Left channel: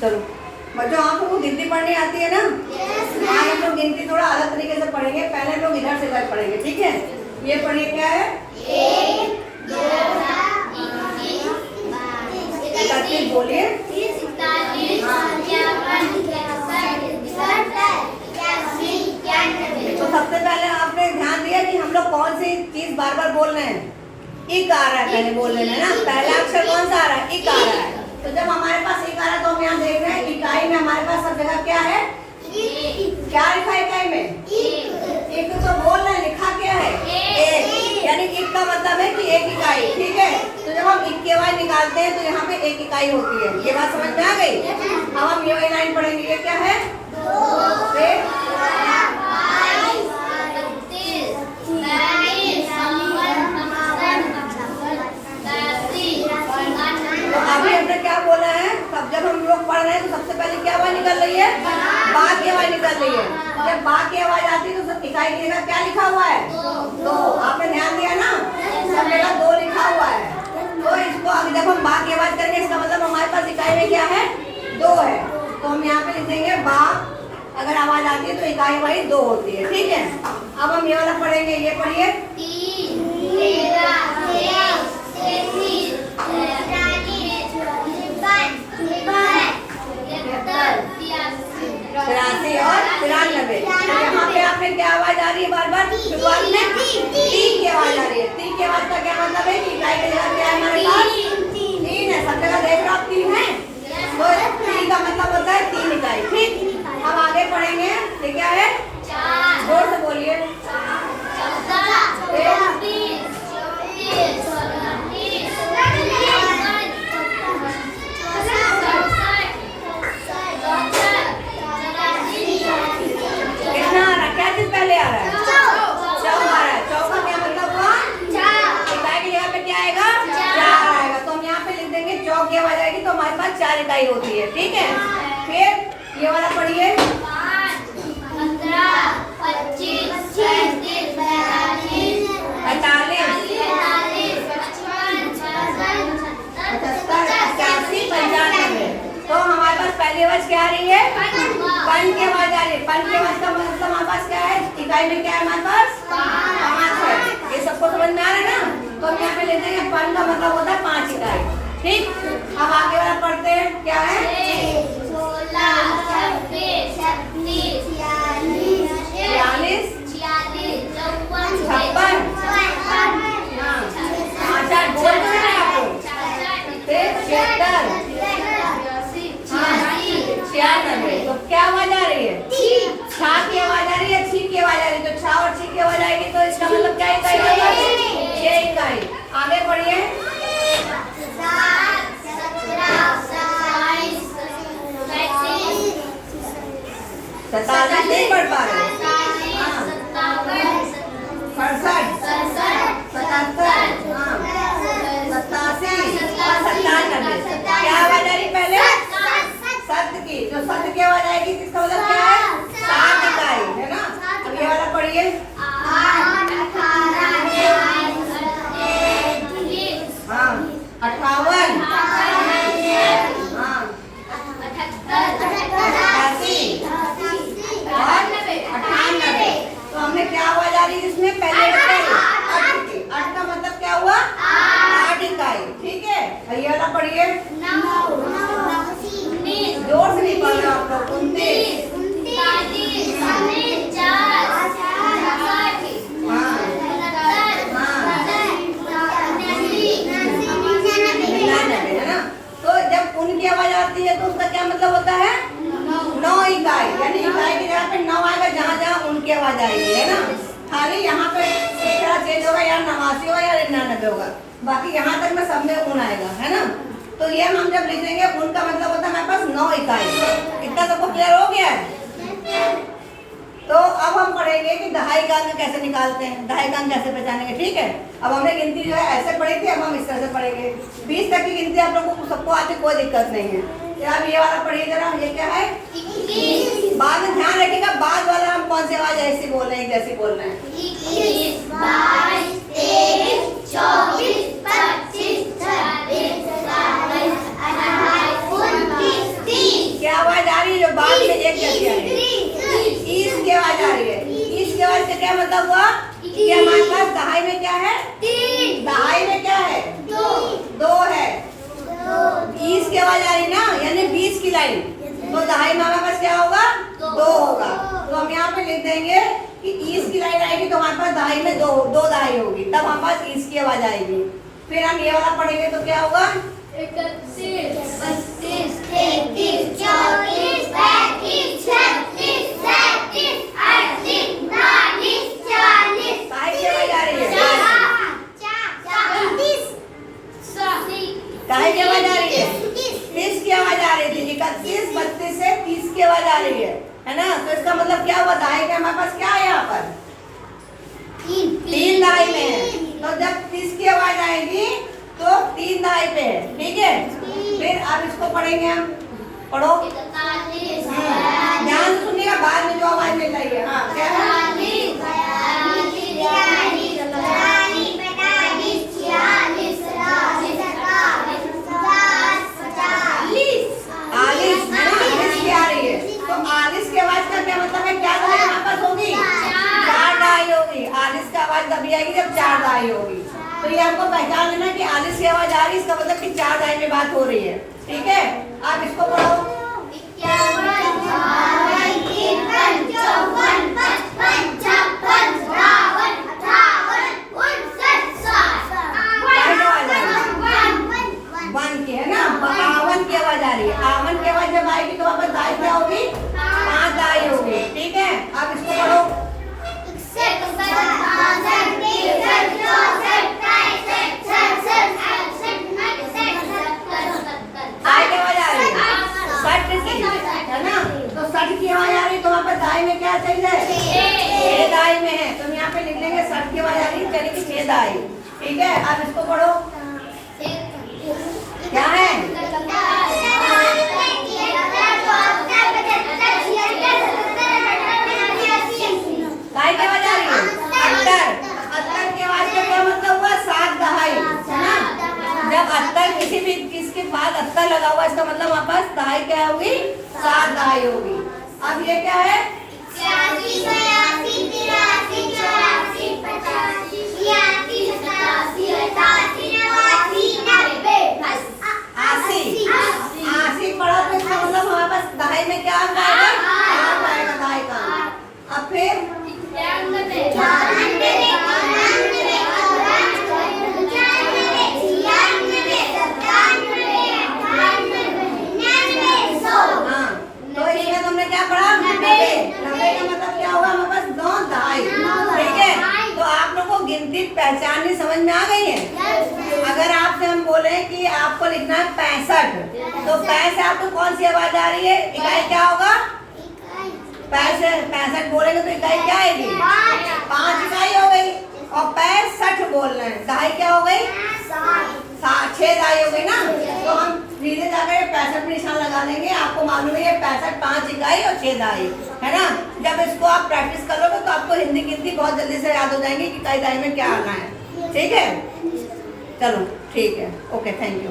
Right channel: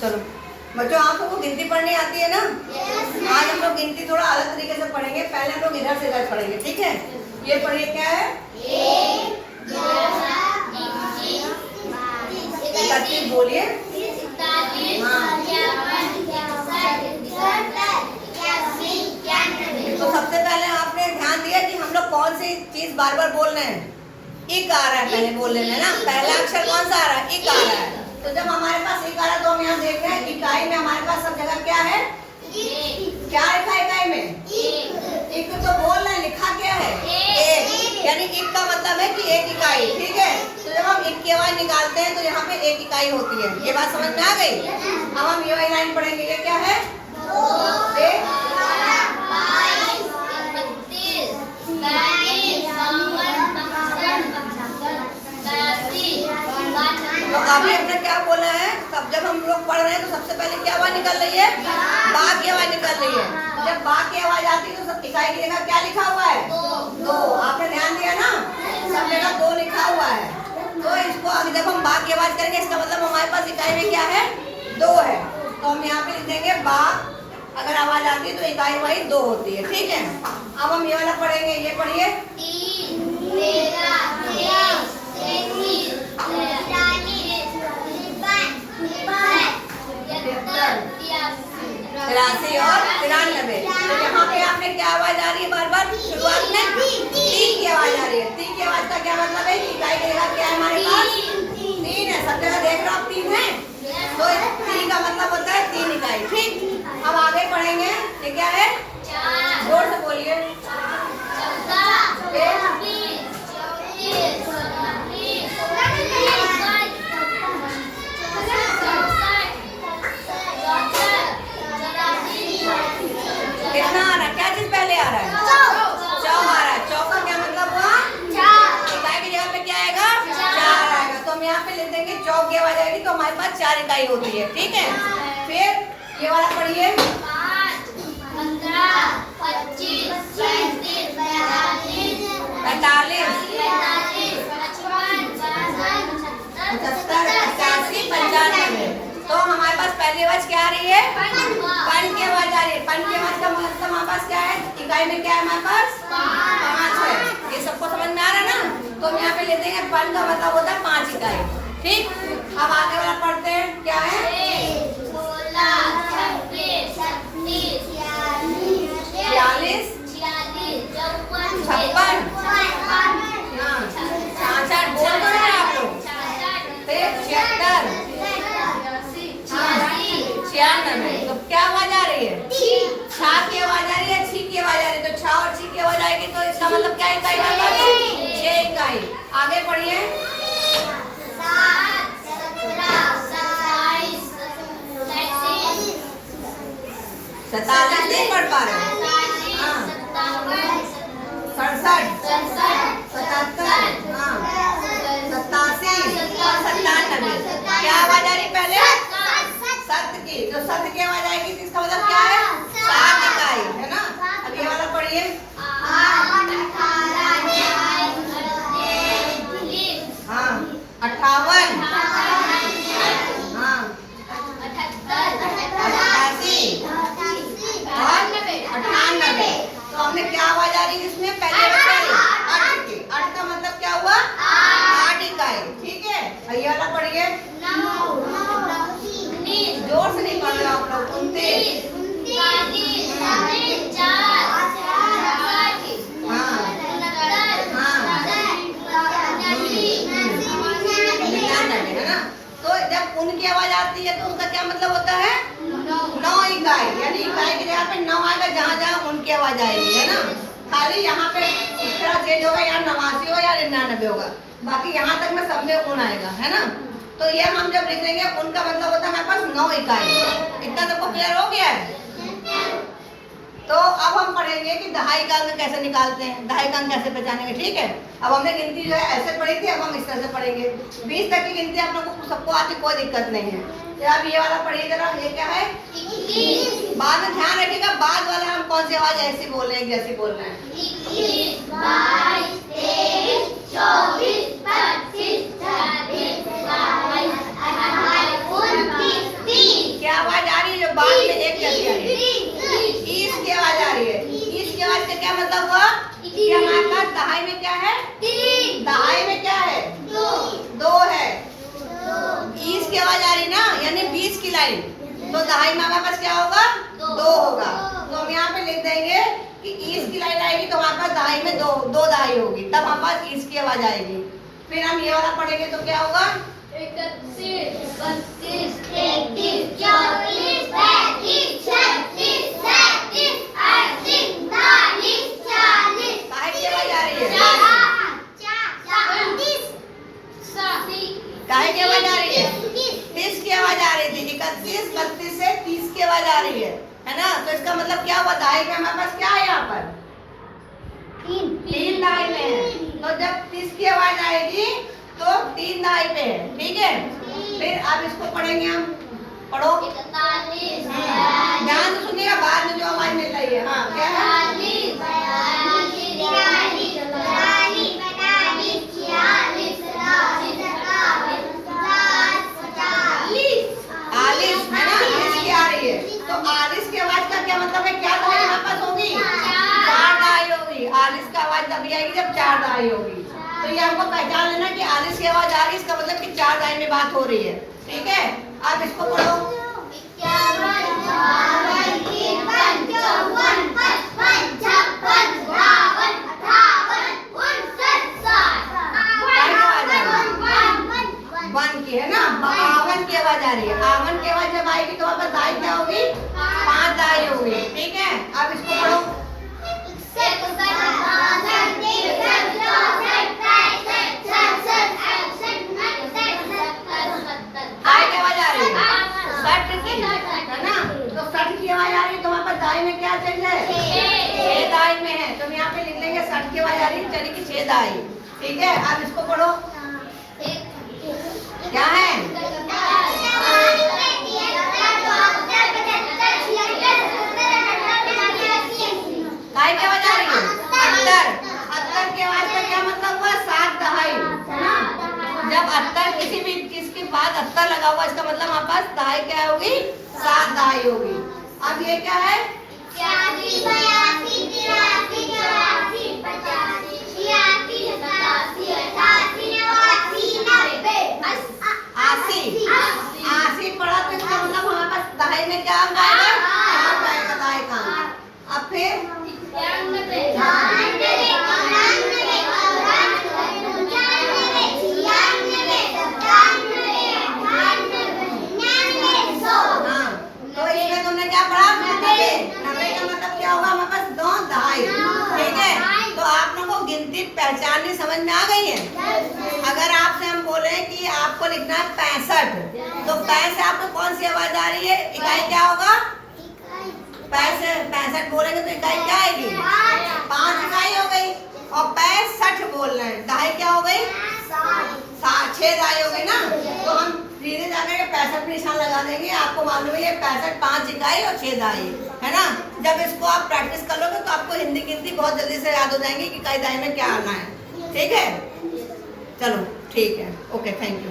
चलो बच्चों, आप सबको गिनती पढ़नी आती है ना? आज हम लोग गिनती थोड़ा अलग तरीके से पढ़ेंगे। पहले हम लोग इधर से इधर पढ़ेंगे, ठीक है? ये पढ़िए, क्या है? 31 बोलिए। तो सबसे पहले आपने ध्यान दिया कि हम लोग कौन सी चीज बार बार बोल रहे हैं? इक आ रहा है पहले बोलने में ना। पहला अक्षर कौन सा आ रहा है? इक आ रहा है। तो जब हमारे पास इक आ रहा है तो हम यहाँ देख रहे हैं इकाई में हमारे पास सब जगह क्या है? क्या लिखा है इकाई में? इक। तो बोल रहे हैं, लिखा क्या है? एक। यानी इक का मतलब है कि एक इकाई, ठीक है? तो जब हम इक की आवाज निकालते हैं तो यहाँ पे एक इकाई होती है। ये बात समझ में आ गई? अब हम ये वाली लाइन पढ़ेंगे। ये क्या है? तो अभी हमने क्या बोला है? तब जब हम लोग पढ़ रहे हैं तो सबसे पहले क्या आवाज निकल रही है? बा की आवाज निकल रही है। जब बा की आवाज आती है तो इकाई की जगह क्या लिखा हुआ है? दो। आपने ध्यान दिया ना? सब जगह दो लिखा हुआ है। तो इसको अभी जब हम बा की आवाज करेंगे इसका मतलब हमारे पास इकाई में क्या है? दो है। तो हम यहाँ पे लिख देंगे बा। अगर आवाज आती है तो इकाई वही दो होती है, ठीक है? अब हम ये वाला पढ़ेंगे। ये पढ़िए। 83 और 93। तो यहाँ पे आपने क्या आवाज आ रही है? बार बार शुरुआत में ती की आवाज आ रही है। ती की आवाज का क्या मतलब है कि इकाई की जगह क्या है हमारे पास? 3 है। सब जगह देख रहे हो आप 3 है। तो ती का मतलब होता है 3 इकाई, ठीक? अब आगे पढ़ेंगे। ये क्या है? जोर से बोलिए। कितना आ रहा है? क्या चीज पहले आ रहा है? चौ आ रहा है। चौ का क्या मतलब हुआ? इकाई की जगह पे क्या आएगा? 4 आएगा। तो हम यहाँ पे लिख देंगे चौ की आवाज आएगी तो हमारे पास 4 इकाई होती है, ठीक है? फिर ये वाला पढ़िए। 95। तो हमारे पास पहली आवाज क्या आ रही है? पन की आवाज आ रही है। पन की आवाज का मतलब हमारे पास क्या है? इकाई में क्या है हमारे पास? 5 है। ये सबको समझ में आ रहा है ना? तो हम यहाँ पे लेते हैं पन का मतलब होता है 5 इकाई, ठीक? अब आगे वाला पढ़ते हैं। क्या है? 46, 56। अच्छा, बोल तो रहे हैं आपको। फिर 76, 96। तो क्या आवाज आ रही है? छा की आवाज आ रही है, छी की आवाज आ रही है। तो छा और छी की आवाज आएगी तो इसका मतलब क्या इकाई होगा? 6 इकाई। आगे पढ़िए। 47 नहीं पढ़ पा रहे? 67, 77, 87 और 97। क्या आवाज आ रही पहले? सत्य की। जो सत्य की आवाज आएगी इसका मतलब क्या है? 7 इकाई है ना? अब ये वाला पढ़िए। 58, 88 और 98। तो हमने क्या आवाज आ रही जिसमें पहले 8 की? 8 का मतलब क्या हुआ? 8 इकाई, ठीक है? ये वाला पढ़िए। जोर से नहीं पढ़ रहे आप लोग। 29, 99 है ना? तो जब उनकी आवाज आती है तो उसका क्या मतलब होता है? 9 इकाई। यानी इकाई की जगह पे 9 आएगा जहाँ जहाँ उनकी आवाज आएगी, है ना? खाली यहाँ पे इस तरह चेंज होगा, या 89 हो या 99 होगा। बाकी यहाँ तक में सब में उन आएगा, है ना? तो ये हम जब लिखेंगे उनका मतलब होता है हमारे पास 9 इकाई। इतना सबको क्लियर हो गया है? तो अब हम पढ़ेंगे कि दहाई कान कैसे निकालते हैं, दहाई कान कैसे पहचानेंगे, ठीक है? अब हमने गिनती जो है ऐसे पढ़ी थी, अब हम इस तरह से पढ़ेंगे। 20 तक की गिनती आप लोगों को सबको आती, कोई दिक्कत नहीं है। तो अब ये वाला पढ़िए जरा। ये क्या है? 21। बाद में ध्यान रखिएगा, बाद वाला हम कौन सी आवाज ऐसी बोल रहे हैं जैसी बोल रहे हैं। 21, 22, 23, 24, 25, 26, 27, 28, 29, 30। क्या मतलब हुआ कि हमारे पास दहाई में क्या है? 3 दहाई में क्या है? 2 है। 20 की आवाज आ रही ना, यानी 20 की लाइन, तो दहाई में हमारे पास क्या होगा? 2 होगा। तो हम यहाँ पे लिख देंगे कि 20 की लाइन आएगी तो हमारे पास दहाई में 2 दहाई होगी, तब हमारे पास 20 की आवाज आएगी। फिर हम ये वाला पढ़ेंगे तो क्या होगा? 31 32 33 34 35 36 37 38 39 40 दहाई की आवाज आ रही है। दहाई की आवाज आ रही है। 30 की आवाज आ रही थी। 31 32 से 30 की आवाज आ रही है ना? तो इसका मतलब क्या हुआ? दहाई में हमारे पास क्या है? यहाँ पर 3 दहाई में है। तो जब 30 की आवाज आएगी तो 3 दहाई पे है, ठीक है। फिर अब इसको पढ़ेंगे हम। पढ़ो, 41 ध्यान से सुनिएगा, बाद में जो आवाज मिल रही है। हाँ, क्या है? 40 है ना? 40 की आ रही है। तो 40 की आवाज का क्या मतलब है? क्या दहाई हमारे पास होगी? 4 दहाई होगी। 40 की आवाज तभी आएगी जब 4 दहाई होगी। तो ये हमको पहचान लेना कि 40 की आवाज आ रही है, इसका मतलब कि 4 दहाई में बात हो रही है, ठीक है। आप इसको पढ़ो। 1 की है ना? 52 की आवाज आ रही है। 52 की आवाज जब आएगी तो वापस दहाई क्या होगी? 5 दहाई होगी, ठीक है। आप इसको पढ़ो। दहाई की आवाज आ रही है। 60 की है ना? तो 60 की आवाज आ रही है तो वहाँ पर दहाई में क्या चल रहा है? 6 दहाई में है। तो हम यहाँ पे लिख लेंगे 60 की आवाज आ रही है, चलेगी 6 दहाई, ठीक है। आप इसको पढ़ो। क्या है? दहाई की आवाज आ रही है। 78 की आवाज का क्या मतलब हुआ? 7 दहाई, है ना? जब 78 किसी भी किसके बाद 78 लगा हुआ, इसका मतलब हमारे पास दहाई क्या होगी? 7 दहाई होगी। अब ये क्या है? 80 पढ़ा तो इसका मतलब हमारे पास दहाई में क्या अंक आएगा? 8 आएगा दहाई का। अब फिर हाँ, तो इसमें तुमने क्या पढ़ा? 90 का मतलब क्या होगा? हमारे पास 9 दहाई, ठीक है। तो आप लोगों को गिनती पहचाननी समझ में आ गई है? अगर आपसे हम बोले कि आपको लिखना है 65, तो 65 से आपको कौन सी आवाज आ रही है? इकाई क्या होगा? 65 बोलेंगे तो इकाई क्या आएगी? 5 इकाई हो गई। और 65 बोल रहे हैं, दहाई क्या हो गई? 6 दहाई हो गई ना? तो हम धीरे जाकर 65 में निशान लगा देंगे। आपको मालूम है ये 65 5 इकाई और 6 दहाई है ना? जब इसको आप प्रैक्टिस करोगे तो आपको हिंदी गिनती बहुत जल्दी से याद हो जाएंगी कि इकाई दहाई में क्या आना है, ठीक है। चलो ठीक है, ओके, थैंक यू।